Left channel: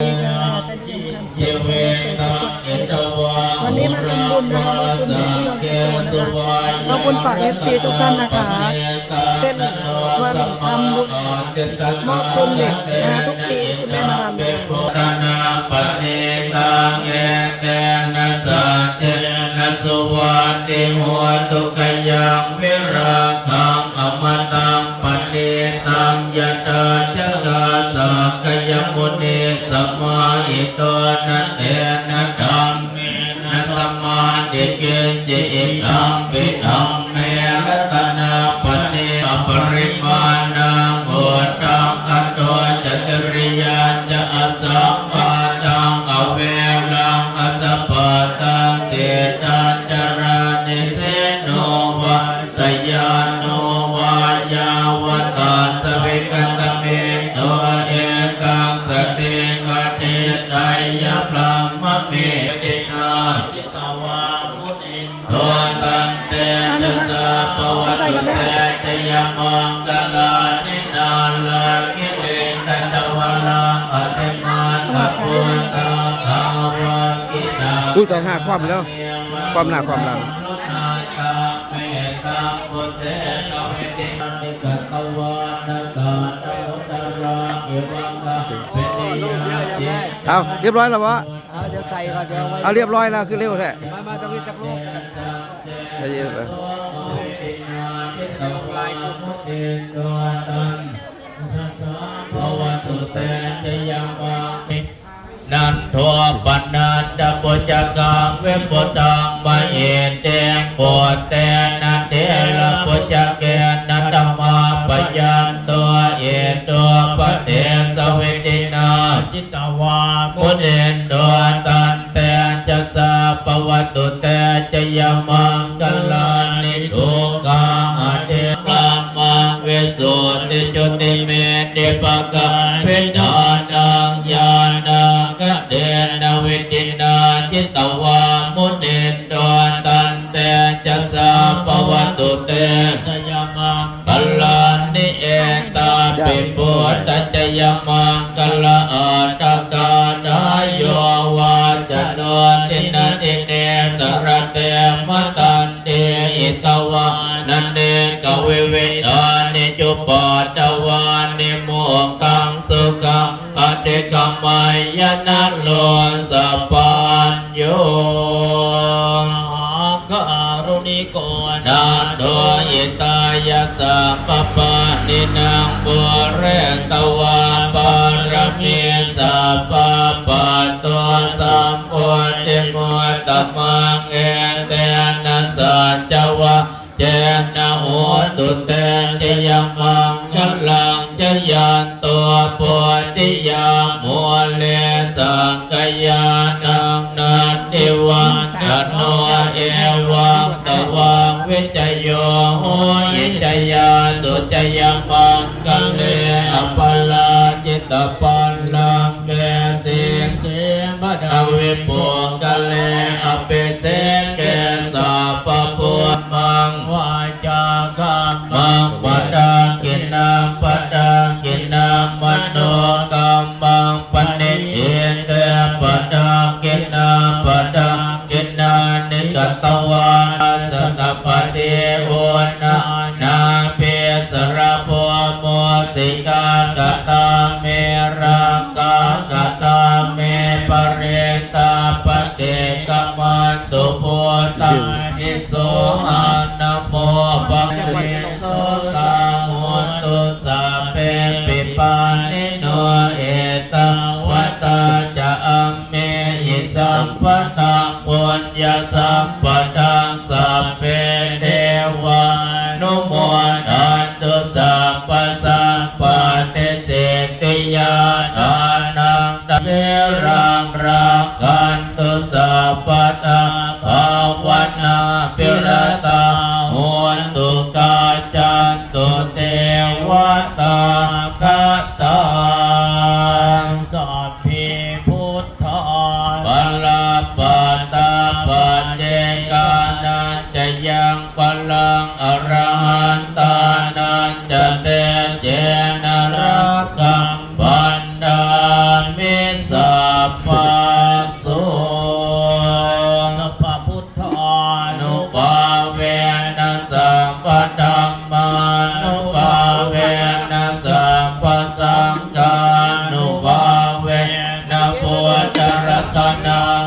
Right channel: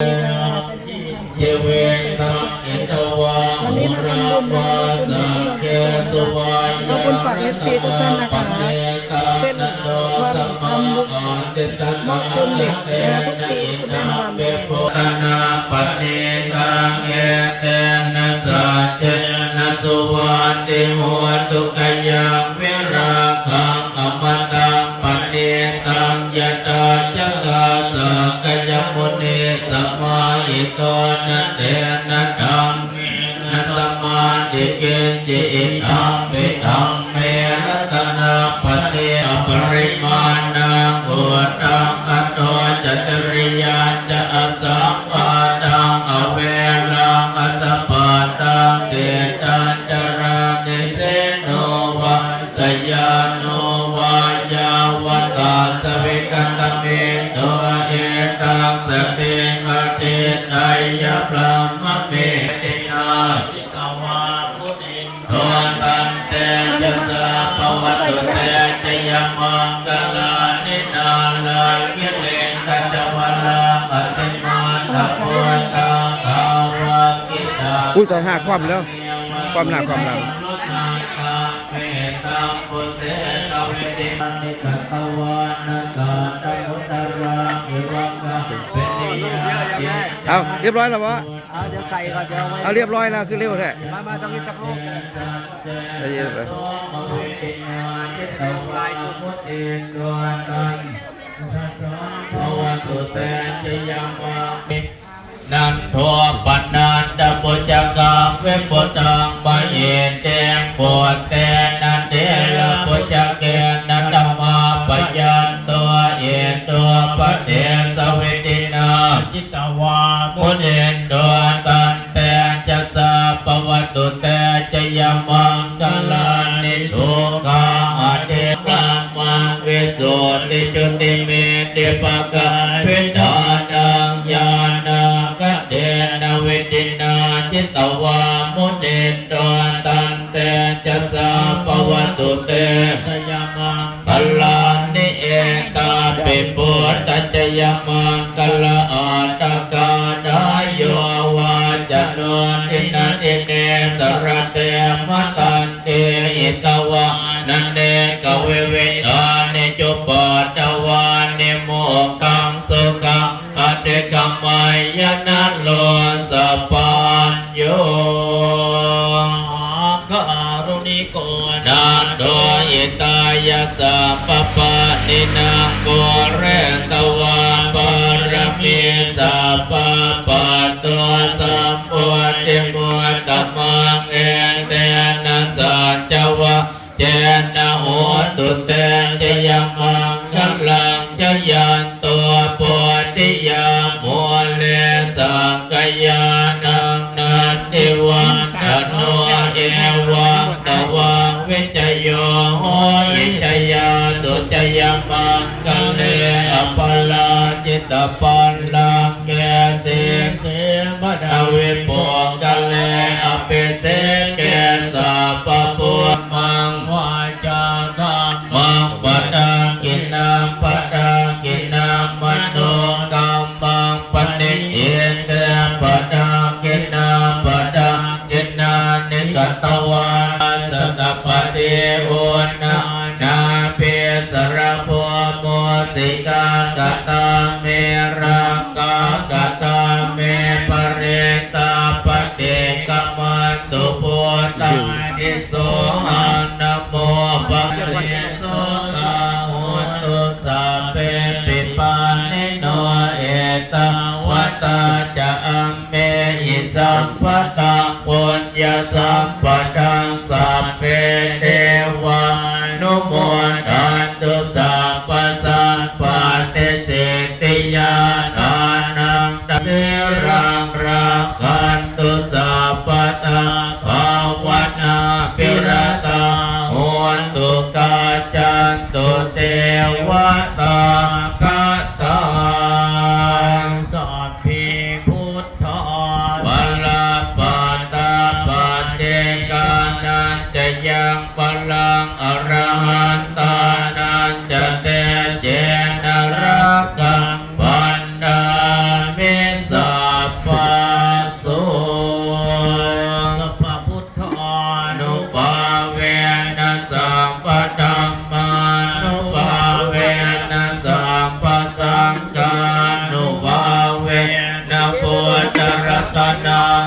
ค่ะท่านผู้ชมทำเสียเป็นเสียงสดวันนี้มาทำบุญนะคะมาบุญที่เราจะโจนะคะขอบคุณฝากเอฟซีทุกท่านนะคะ เป็นวันทำบุญมอบทุนเด็กนะคะทุกปีที่คุณแม่มาทำเลยสุวัติหัวตุกยังวิรา สัมมาอิโตนะเตนะธรรมนะสัมมาดิเกจิอิทังปิธัม พรหมเมตินาจิตวามุนิโทตันเตนะสะปวัตเตจยมังกลานินาลาคิเลตันตวะลาอติมาตะโพตาภาวะกิตาอุ้ยตอนห้าความแล้ว ความหน้าความหลัง เอาเรียบร้อยแล้ววะเอาเดี๋ยวใส่ก่อนเดี๋ยวไว้เอาเรียบร้อยแล้วคือเร็วแท้มามาตรงนี้ตะโลกได้ยินไหมลายกุมนันโทปนันตปุจกังเวปุตังปะเยเตงปวดเตนะเตระปุจเกนันตมาปยันตัวเอตัวปะเทสวิตินา จิตวามุเดนตัวตันเตจะสาปวัตุเตจะยมังกลานิทุกาอเดกามังเวสุติจุติเมติปะกาพิดานังญาณังกเดนเวตินาจิตวามุเดนตัวตันเตจะสาปวัตุเตจะยมังกลานิเอตาปิปุตตะจยมังกลาอาตกา ตินันติเนสระเตมตันเตอิตวะนันเนกเวเวทานิจุปปัตวานิโมกังสุขังอติกัมมายนะโลสัพพัญโยการุณิโกนาโดยิตายสัพปะนินังปุเรตว มังเอเตนะสัจจวะเจนะโหตุเตชยมังคัลลังชยันตัวโพธิยามัวเลสังกยานังนันติวังตโนเอวังตวังวิจโยโหยิจยาตุจยมังกัเลอปลาจิตปันลังแกเสเสมดาวิปุก งปณิเอเตปะดังกินนังปะดังกินนังนิกัตวาสนปฏิโอนานาเปสระโพโมติกากตาเมรังกากตาเมปเรตาปะเตกมันตุโพตังนิโสอา อังเมหิสัมปะตังปุญญสัมปัน นัง